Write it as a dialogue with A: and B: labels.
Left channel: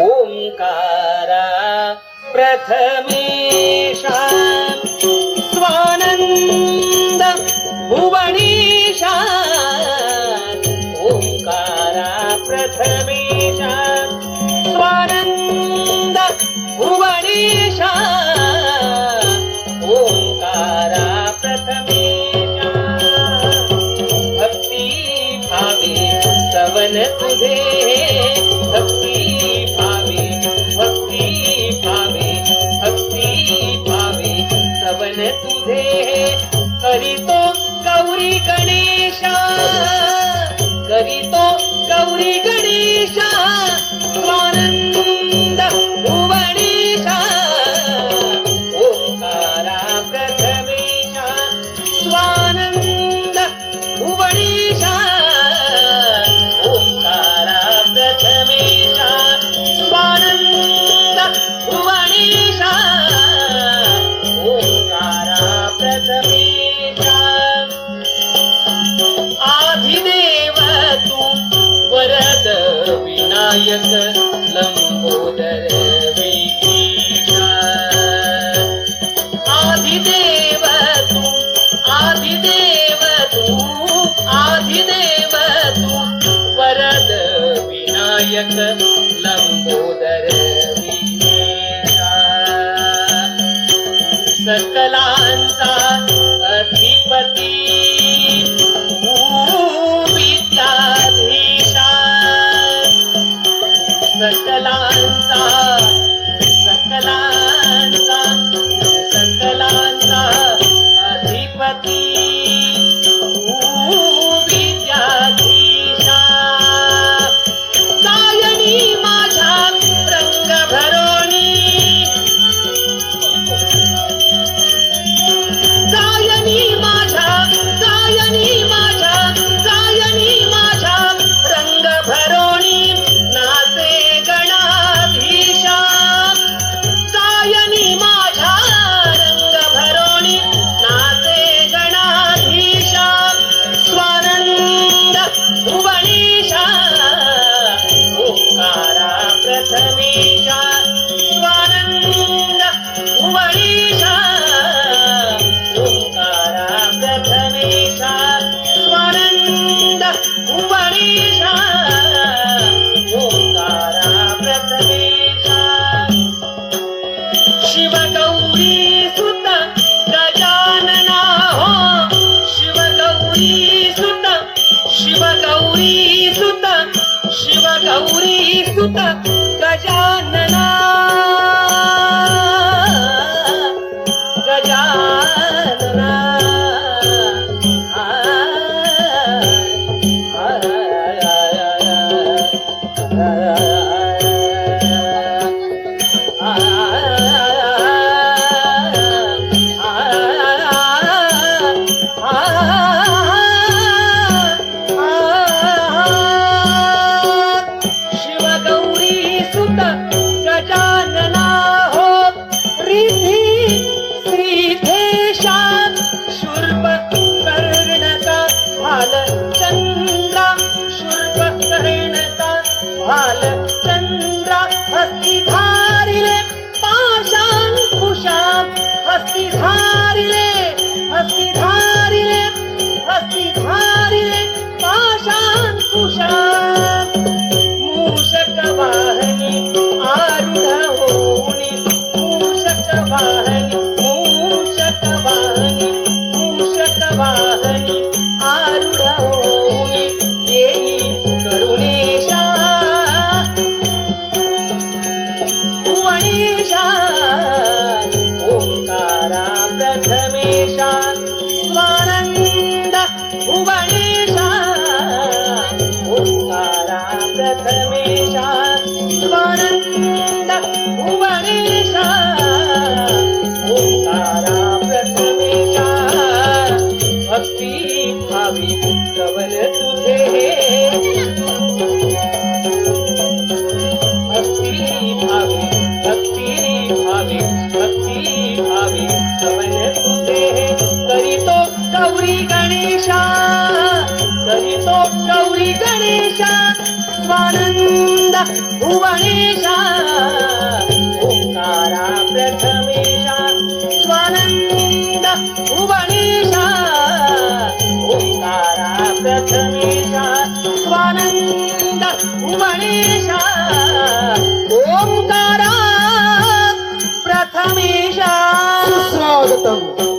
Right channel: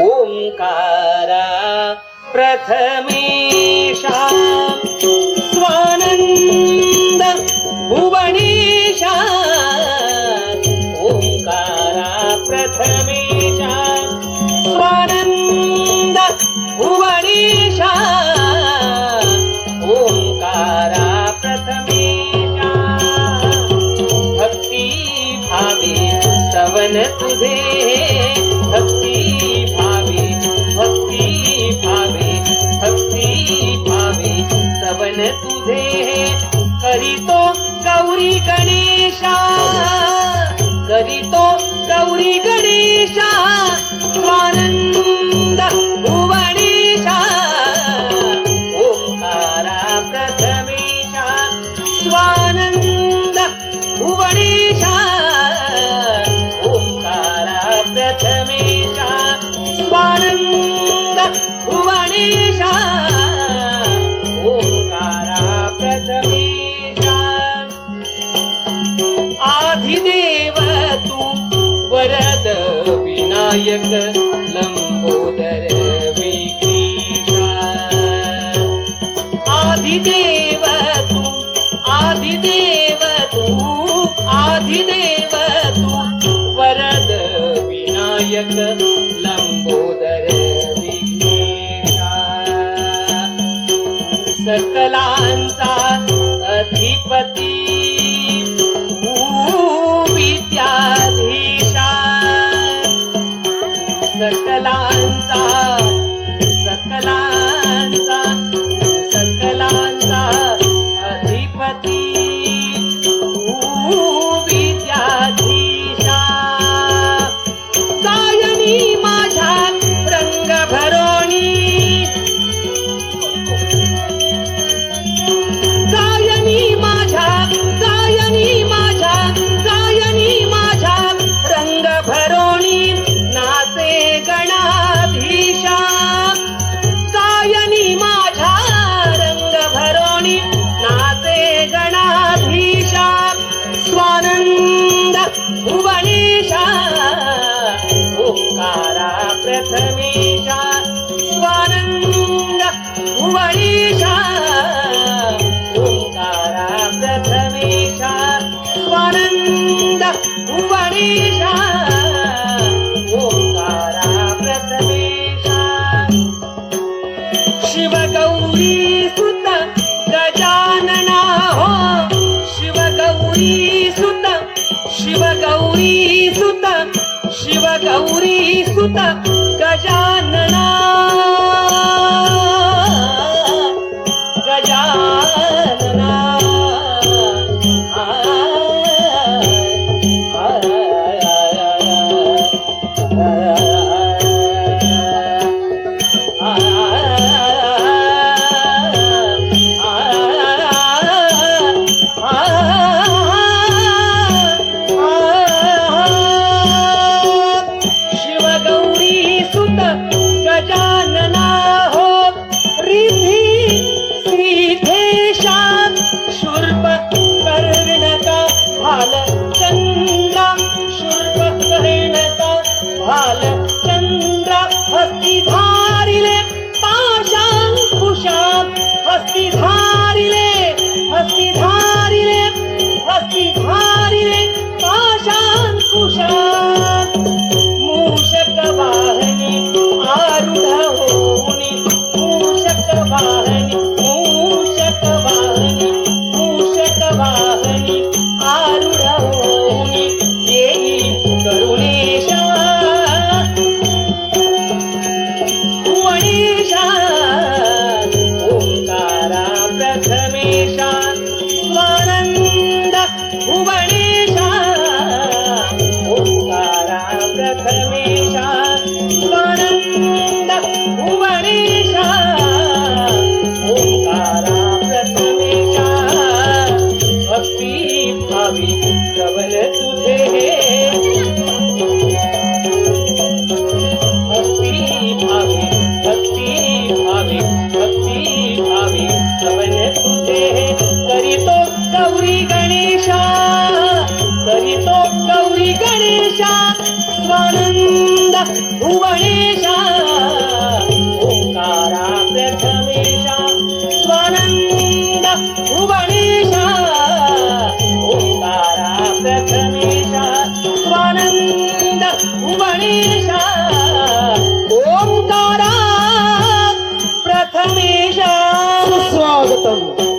A: ओंकारा प्रथमेशा। स्वानन्द भुवनेशा। गणेशा करीतो गौरी गणेशा स्वानंद भुवनेशा ओंकारा प्रथमेशा स्वानंद भुवनेशा ओंकारा प्रथमेशा स्वानंद भुवनेशा आधिदेव तू वरद विनायक लंबोदर विक्रीषा आधिदेव तू आधिदेव तू आधिदेव तू वरद विनायक लंबोदर सकलांता उमळीशा स्वानंद उमळीशा ओंकारा प्रथमेशा स्वानंद उमळीशा ओंकारा प्रथमेशा शिवगौरी सुत गजानना हो शिवगौरी सुत सुत। கால உவனே भुवनेशा ओंकारा प्रथमेशा स्वानंद भुवनेशा ओंकारा प्रथमेशा स्वानंद भुवनेशा ओंकारा प्रथमेशा।
B: स्वागतम।